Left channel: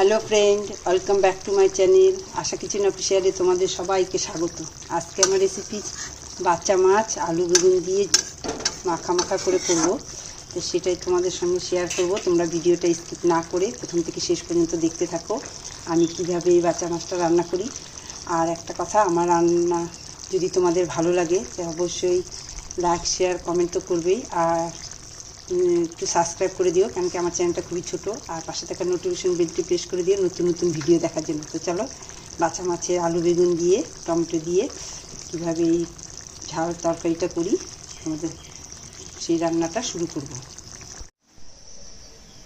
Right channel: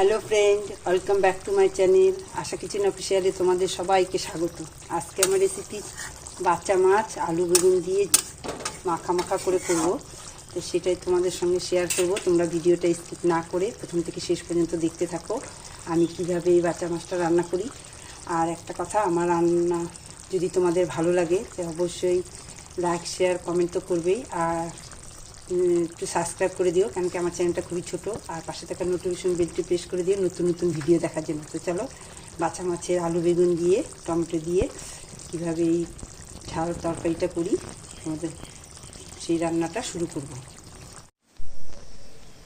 Hello friend welcome back to my channel Asha kitchen অফিসিয়ালে তোমাদের সবাইকে স্বাগত। আজকে আমার রেসিপি বাচ্চা মাছ, আলু বেগুন দিয়ে মাখা মাখা করে করব। তো সেটাই তোমাদের সঙ্গে শেয়ার করব। তোমরা ভিডিওটা স্কিপ না করে প্রথম থেকে শেষ পর্যন্ত দেখতে থাকো। আমি কীভাবে এই বাচ্চা মাছটা রান্না করি। আর একটা কথা, আমার রান্না যদি তোমাদের ভালো লাগে অবশ্যই লাইক শেয়ার কমেন্ট তো করবেই। আর একটু সাবস্ক্রাইব করে দিও কেন কি আমার চ্যানেলটা খুবই ছোট। আর পাশে থাকা নোটিফিকেশন বেলটি প্রেস করে দিও, নতুন নতুন ভিডিও দেখার জন্য। তো চলো বাচ্চা মাছের আলু বেগুন দিয়ে, টমেটো দিয়ে কীভাবে এই ঝাল তরকারিটা করি, আমাদের সেই রান্নাটা শুরু করব।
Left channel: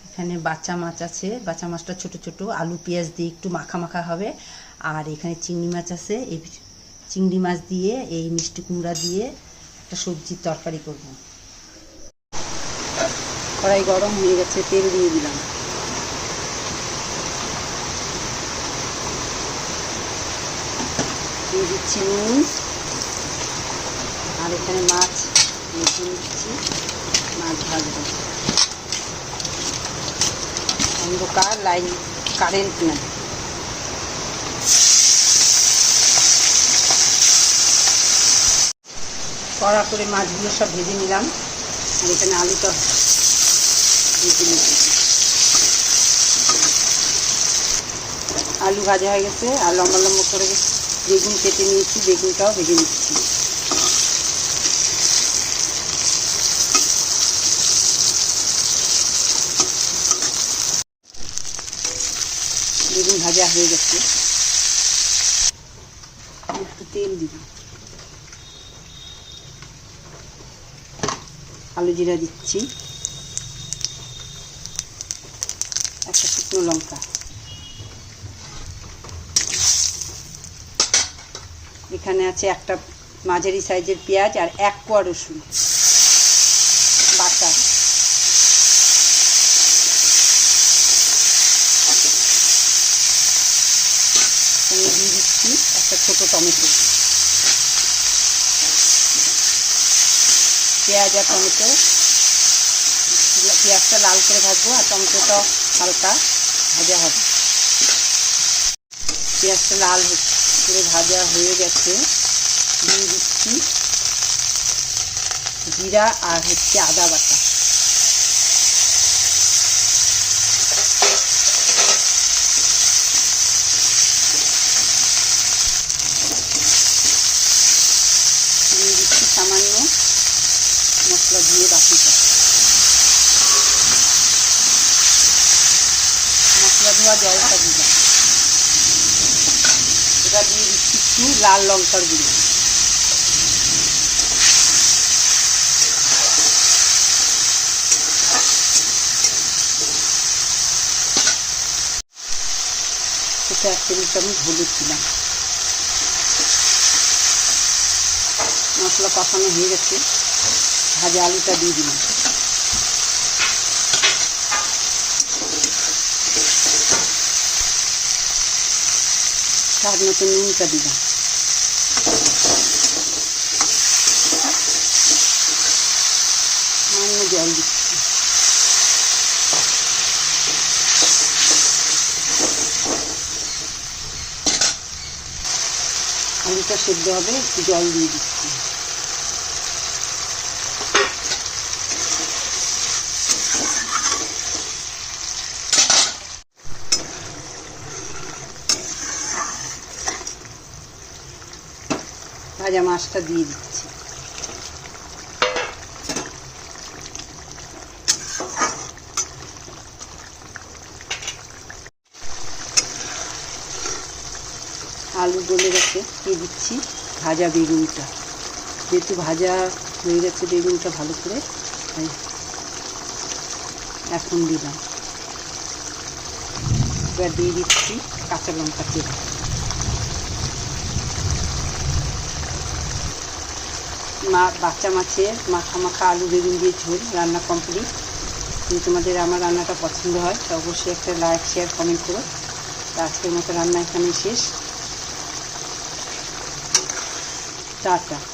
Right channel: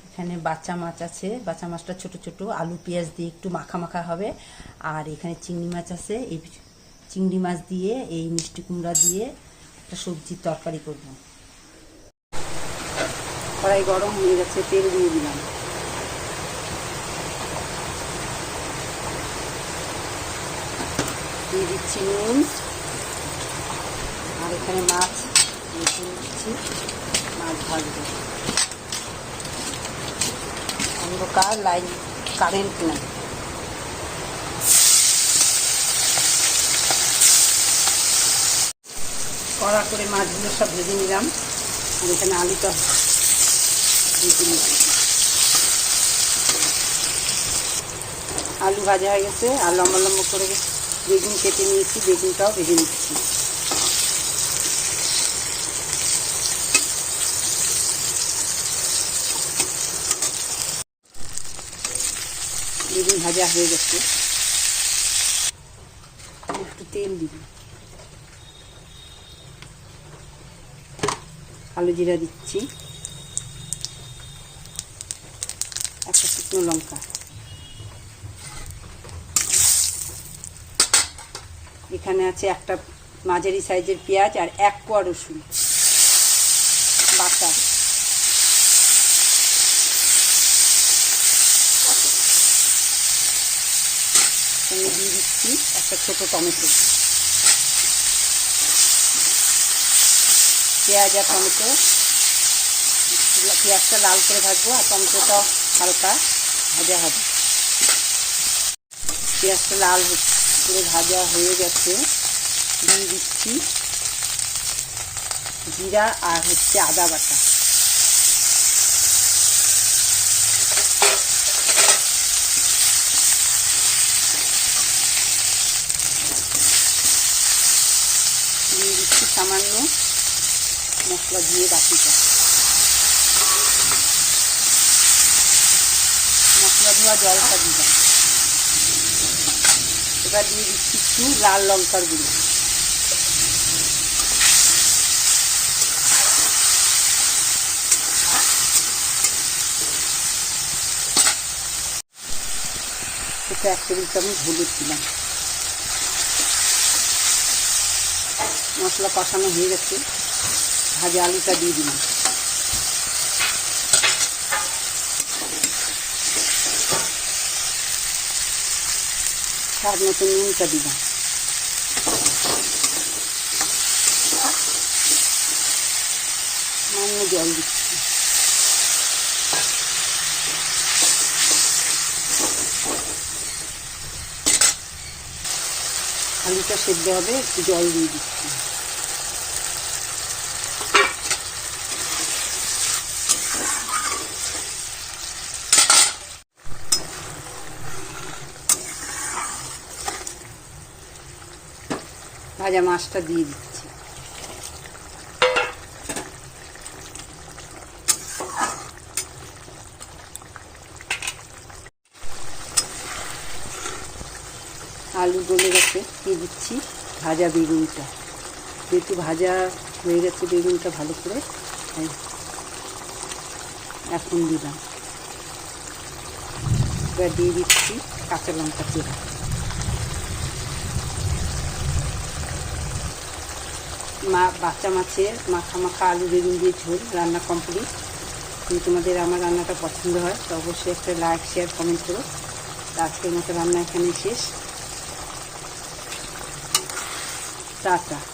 এখানে বাচ্চা মাছ আছে। বাচ্চা মাছটা ছোট ছোট, আলু, পেঁয়াজ দিয়ে একটু মাখা মাখা হবে। আর এখানে চিংড়ি মাছ আছে। এই চিংড়ি মাছ দিয়ে, এই মিষ্টি কুমড়া দিয়ে একটা সবজির তরকারি করব। কড়াই গরম হয়ে গেছে, তেল দিয়ে দিলাম। দিয়ে দিচ্ছি নুন। আর এখানে মাছ নতুন দিচ্ছি, মাছ ভাজবো। অন্ধকার, লাইন কারেন্ট নেই। কড়া করে মাছগুলো সব ভেজে নিলাম। আর এখানে আলুটা আলু ভাজা হয়ে গেছে, আর লম্বা লম্বা করে বেগুন কেটে নিয়েছি, বেগুনটাও ভেজে নিচ্ছি। বেগুন ভাজা হয়ে গেছে। একটু তেল দিব। আলু জিরা দিচ্ছি। একটা শুকনো লঙ্কা। এখানে আছে একটা মাঝারি সাইজের পেঁয়াজ আর এক কোয়া রসুন। বাটা সঙ্গে দিয়ে দিচ্ছি একটা ছোট টমেটো। পেঁয়াজ আর টমেটো। পেঁয়াজটা লাল করে ভাজবো আর টমেটোটা হালকা ভাজা হবে। পেঁয়াজটা লাল করে ভাজা হয়ে গেছে। দিয়ে দিচ্ছি জিরা আর হচ্ছে আদা বাটা। দিয়ে দিচ্ছি সামান্য মশলা দিয়ে বাকিটা। ধোয়া জলটা দিলাম এবার দিয়ে দিচ্ছি একটু লাল লঙ্কার গুঁড়ো। সেটা এক টেবিল চামচ হলুদ দিলাম। মশলা কষানো হয়ে গেছে। ভাজা আলুটা দিয়ে দিলাম। স্বাদ মতো নুনটা দিলাম সামান্য জল দিচ্ছি। আলুটা সেদ্ধ হবে একটু জল দিয়ে দিচ্ছি। ভাজা মাছটা দিয়ে দিচ্ছি। আলু গলে গেছে, দিয়ে দিচ্ছি ভাজা বেগুনটা। যেহেতু ভাজা হয়ে গেছে বেগুনটা ভালো করে এখন দিলাম। এবার দিয়ে দিচ্ছি কাঁচা লঙ্কা তেল। মা, বাচ্চা মাছের মাখা মাখা আলু বেগুন দিয়ে ঝোল, রান্না কমপ্লিট যদি তোমাদের আমার রান্নাটা পছন্দ হয়, তো অবশ্যই একটা লাইক শেয়ার কমেন্ট করো। তো আজকের মতো রান্না এখানেই শেষ। টাটা।